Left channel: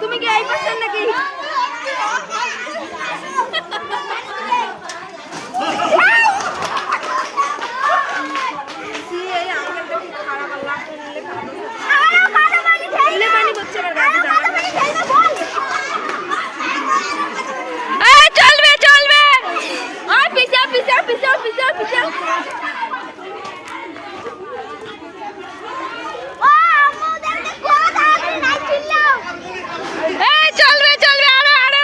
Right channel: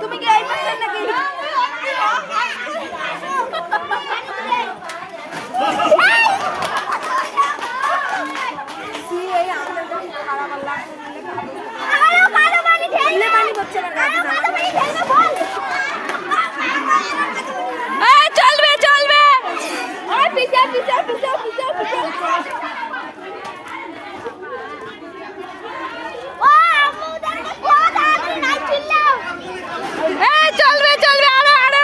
তুমি কি আইতেছেন নাকি? চলবে চলবে চলবে চলবে আরো আরো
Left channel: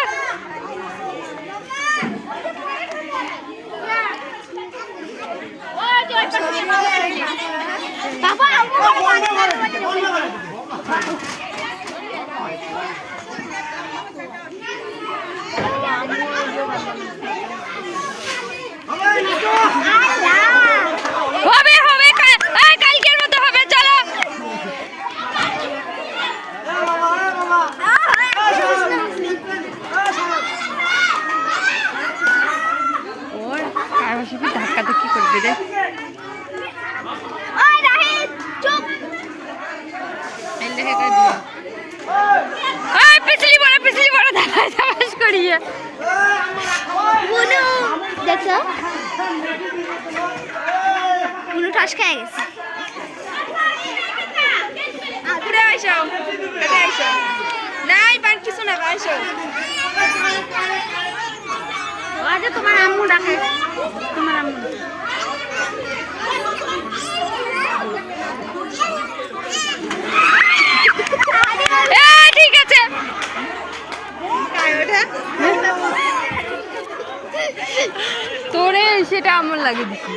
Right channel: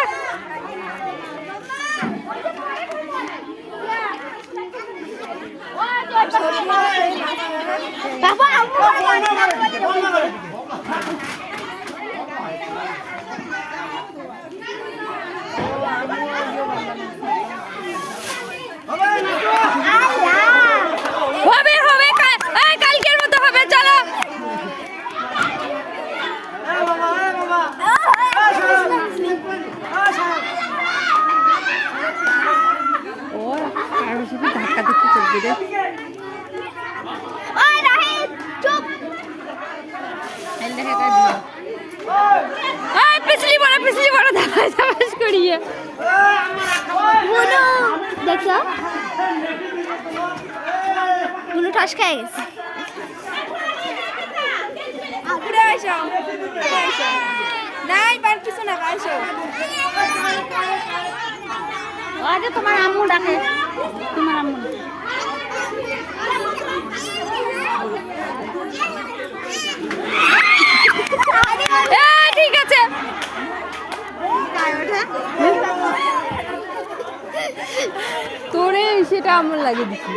হবে হবে কালকের মতো হবে চলো ওর আর শুধু ধাক্কা ধাক্কি করবে রে পিছলি বড় ধাপাস করিয়ে দেখছো ঠাস খাই গেছে নাই বার কিছু না আসো আজ তোমার আম্মু ডাকে তোমার আম্মু ঠিক আছে তোরে সেটা আমার লাগে দিচ্ছি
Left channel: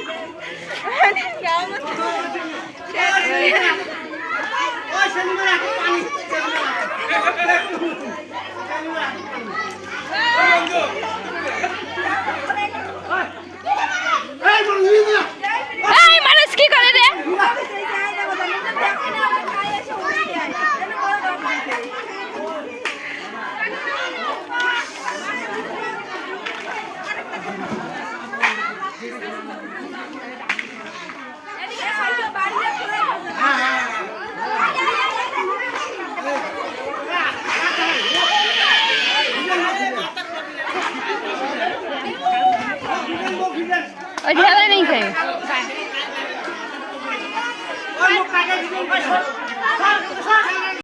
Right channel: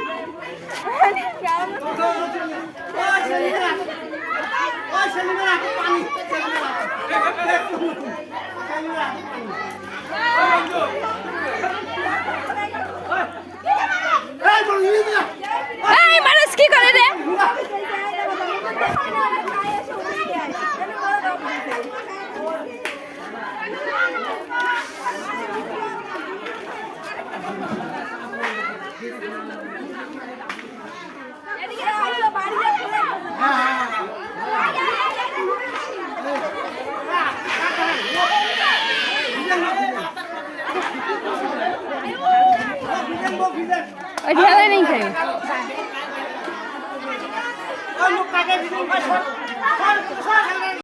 মানুষ কি করে রে ढेला नहीं खाए